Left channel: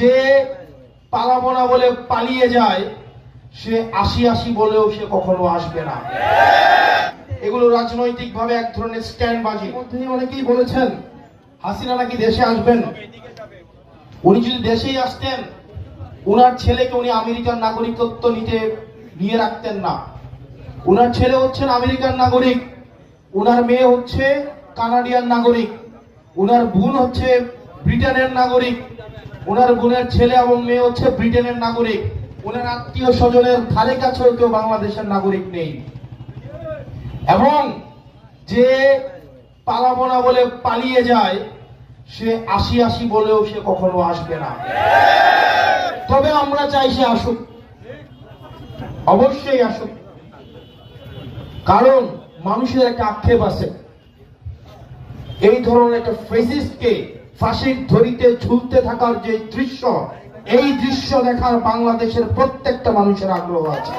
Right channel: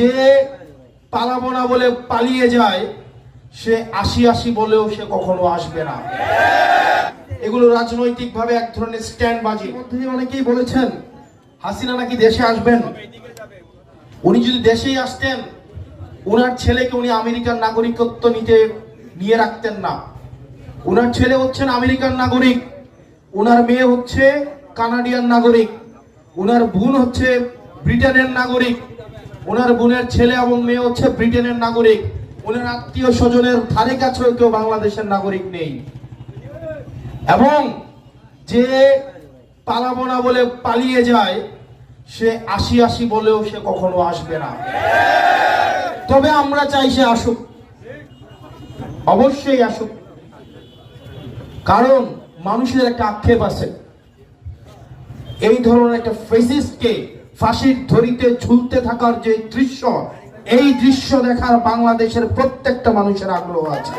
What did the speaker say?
যে পালাবো না বলে পালিয়ে যায় সে আসি আসি বলেও সে কখনো আসবে না। এগুলো রাজনৈতিক ভাবে এক ধরনের স্ট্যান্ড বাজি। অনেকেই বলেছেন হাসিনা নাকি দেশে আসবেন। উনি যদি দেশেই আসতেন উনার ছেলেকে উনি আমেরিকার নাগরিকত্ব নিয়ে রাখতেন না। উনার ছেলে হচ্ছেন আমেরিকার নাগরিক, উনার মেয়ে হচ্ছে কানাডিয়ান নাগরিক, উনার বোন হচ্ছে ব্রিটেনের নাগরিক, উনার বোনের ছেলে এবং মেয়ে হচ্ছে ব্রিটেনের নাগরিক। উনার আত্মীয় স্বজনের ধারে কাছেও কেউ বাংলাদেশের নাগরিক নেই। এবং যে পালাবো না বলে পালিয়ে যায় সে আসি আসি বলেও সে কখনো আসবে না। তবে আমরা চাই সে আসুক, অবশ্যই আসুক। কারণ মানুষের একটা আক্ষেপ আছে, এই ধরনের একটা ফ্যাসিস্টকে ফাঁসির দড়িতে ঝুলতে থাকার যে দৃশ্য, এই দৃশ্য দেখার বাংলাদেশের প্রত্যেকটা মানুষের আগ্রহ আছে।